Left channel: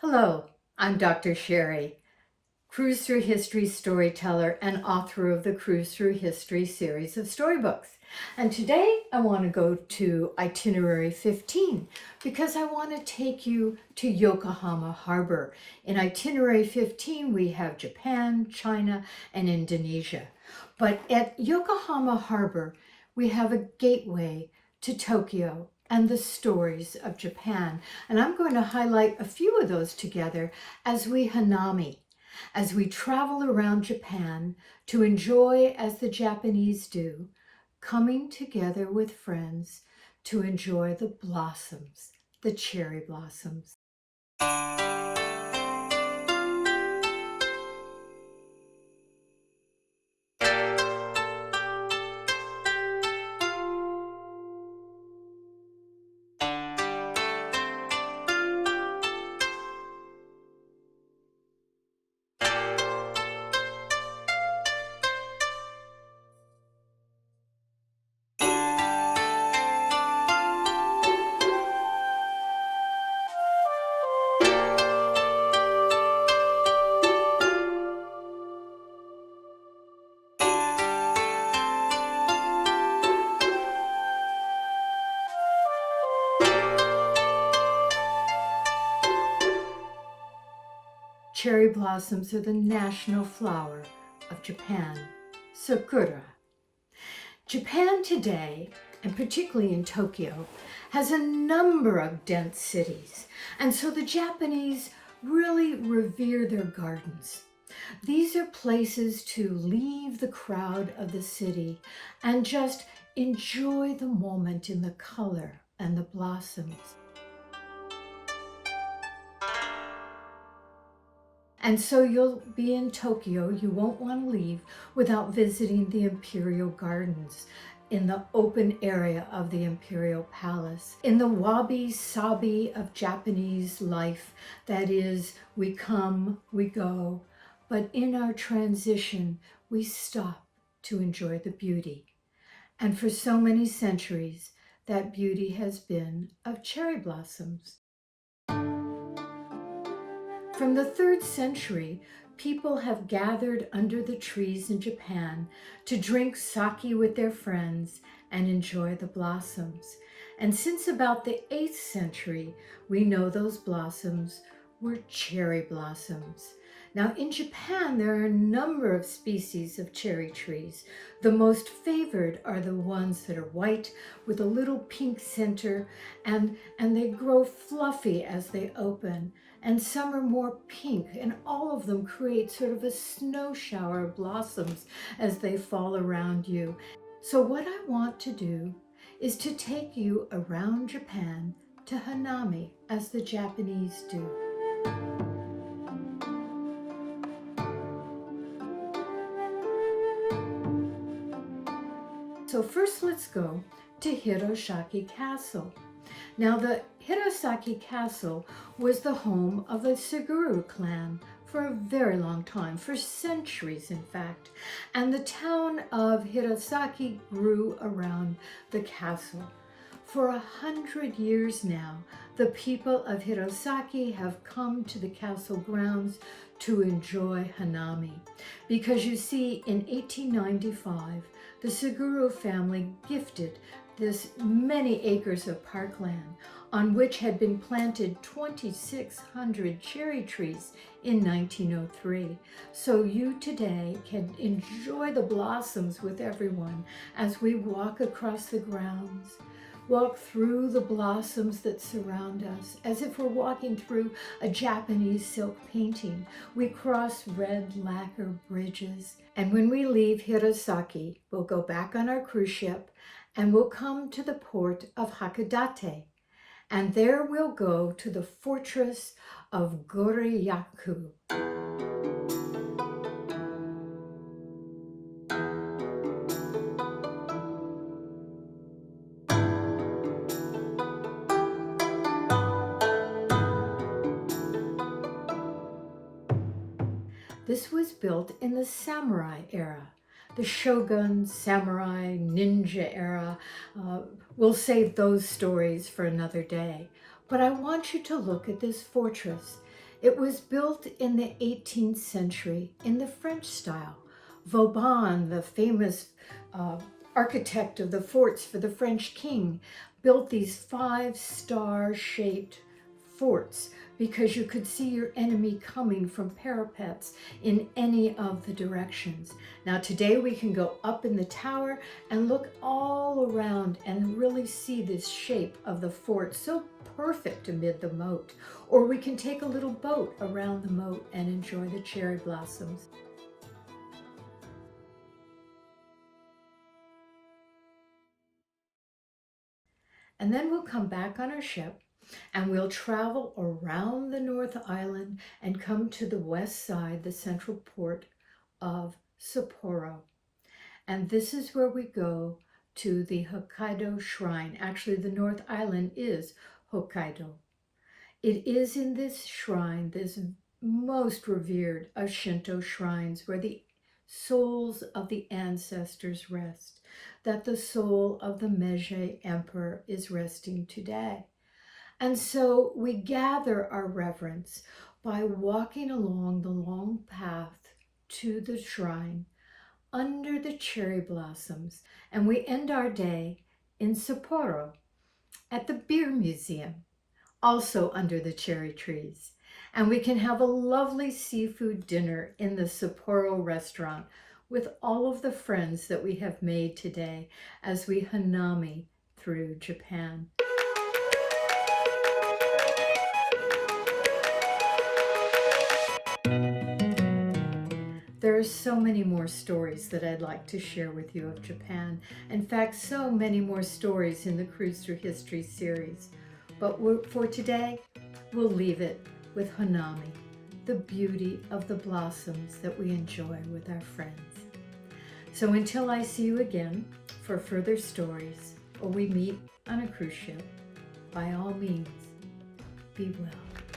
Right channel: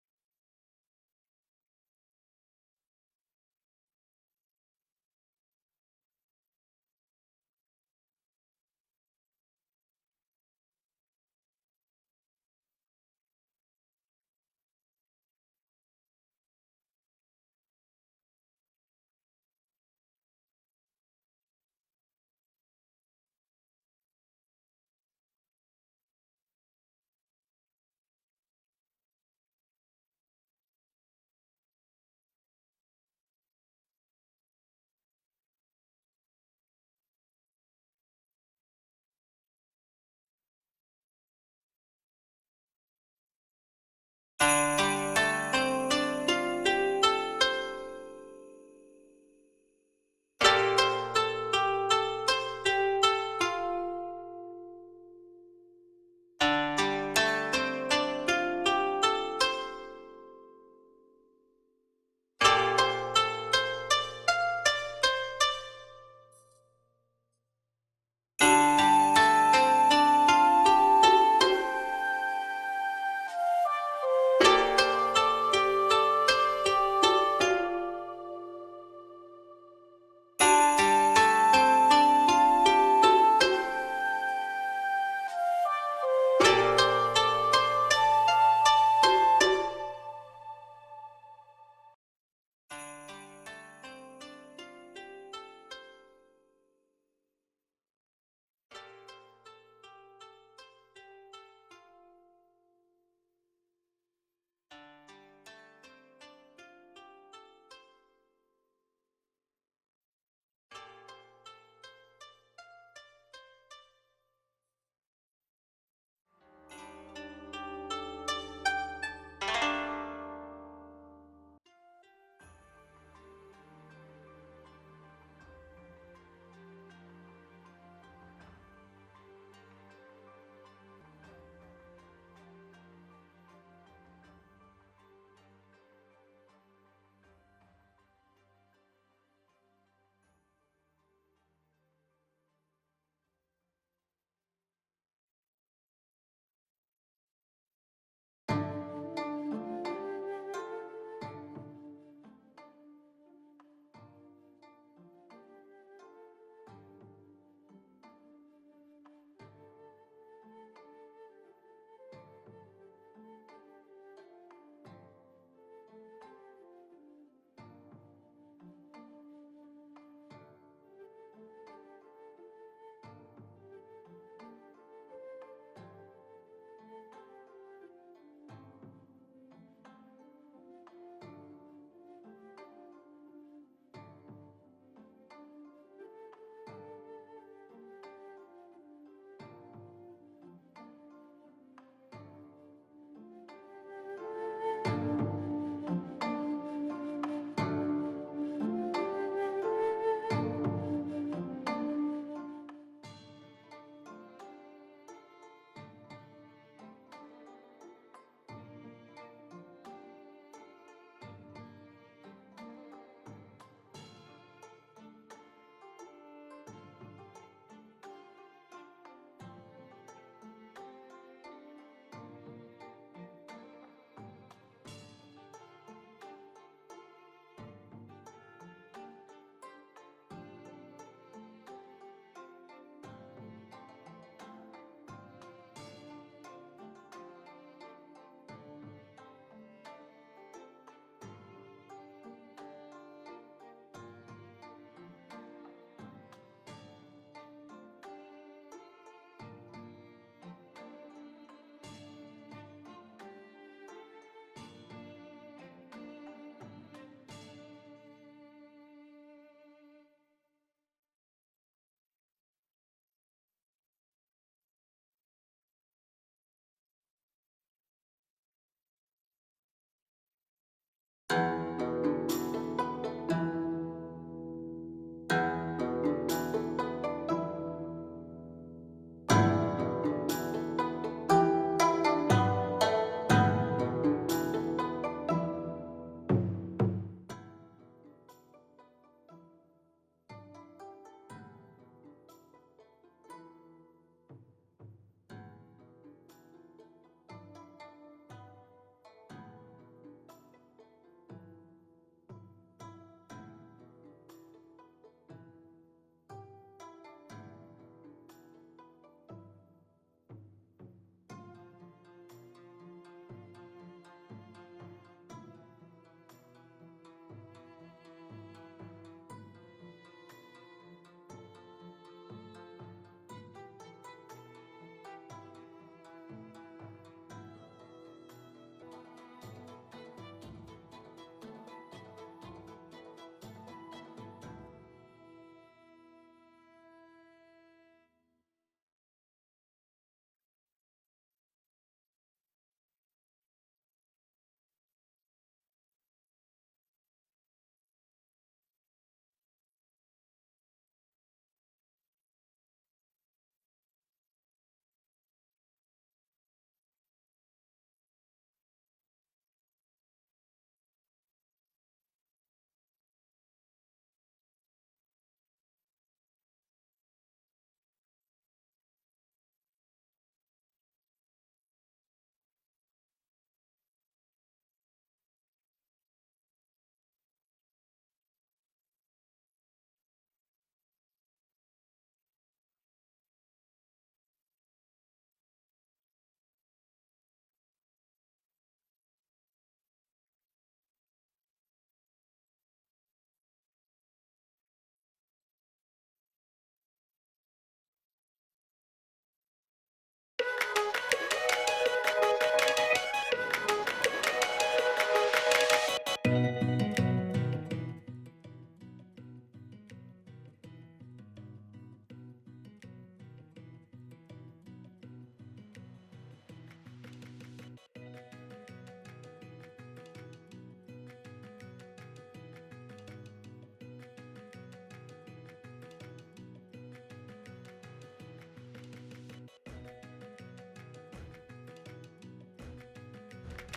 Hello, I'm Dr. Sherry, Cruise Through History storyteller and author of the Cruise Through History series of storybooks. And today I want to go to itinerary 15 because I want to take you to Yokohama Harbor. In itinerary 15, we have Japan, China, and Indonesia. But at Yokohama Harbor, we have a gateway to Tokyo and the stories of Japan. And I'm going to highlight a few of those together as we Hanami, as we travel around Japan to enjoy, as the Japanese do, coming together with friends to enjoy the blossoms, the cherry blossoms. Cherry blossoms are the national flower of Japan, sakura. Japan today, and particularly in Tokyo, has a number of dense cities, and so the Japanese really revere their gardens. These are places to leave the crowd of the city and just enjoy the moment in the color and the blossoms. And so you'll be in Tokyo, you won't want to leave without visiting the Imperial Gardens in the open area of the Imperial Palace. In the wabi-sabi of Japanese life, that is, we come, we go, but in our transition, we stop to enjoy the beauty. And for so many centuries, that beauty has been of cherry blossoms. From the 3rd century, people have gathered under the trees in Japan to drink sake with their friends and enjoy the blossoms. And since about the 8th century, we know those blossoms were cherry blossoms. Now in Japan, there are a number of species of cherry trees. The most favored are the ones that are white with a little pink center, and they grow fluffy as they open. And some are more pink, and all of them create sort of a snow shower of blossoms as they fall around you. So what I want to do is to take you around Japan to Hanami, as the Japanese do. So first let's go to Hirosaki Castle. Now the Hirosaki Castle was the home of the Suguru clan for a very long time, for centuries in fact, and the town of Hirosaki grew around the castle. For 100 years now, the people of Hirosaki have come to the castle grounds to enjoy Hanami, because you see, in 1895, the Suguru family gifted this many acres of parkland on which had been planted 2,600 cherry trees in 1903. So you today can enjoy the blossoms with everyone as we walk across the grounds, walk through the blossoms that surround us as if we're walking through a Japanese silk painting. We cross red lacquer bridges, and when we leave Hirosaki, we'll go back on our cruise ship and we'll come to the port of Hakodate, and there we'll go to the fortress of Goryeo. This was built in the samurai era, the shogun, samurai, ninja era. We'll save those stories for another day. But I want you to look at this fortress. It was built in the 18th century in the French style. Vauban, the famous uh, architect of the forts for the French king, built these 5-star shaped forts because you could see your enemy coming from parapets in any of the directions. Now today we can go up in the tower and look all around and really see this shape of the fort, so perfect amid the moat. Or we can take a little boat around the moat and enjoy the cherry blossoms. And then we'll come back on our ship and we'll travel around the North Island and come to the west side, the central port of Sapporo. And this is where we go to the Hokkaido Shrine. Actually, the North Island is Hokkaido. It is in this shrine, this most revered of Shinto shrines, where the souls of the ancestors rest, that the soul of the Meiji Emperor is resting today. And so we gather our reverence by walking along the long path to the shrine under the cherry blossoms, and we end our day in Sapporo at the Beer Museum, also under the cherry trees. And we can have a lovely seafood dinner in the Sapporo restaurant with all of the friends that we have made today as we Hanami through Japan. There are so many more stories that I'd like to share with you of Japan. In fact, so many more stories in the Cruise Through History series. But for today, we'll leave it with Hanami, the beauty of the blossoms that we enjoy with our friends. So until I see you again for further stories, or we meet on a cruise ship, by all means, be well.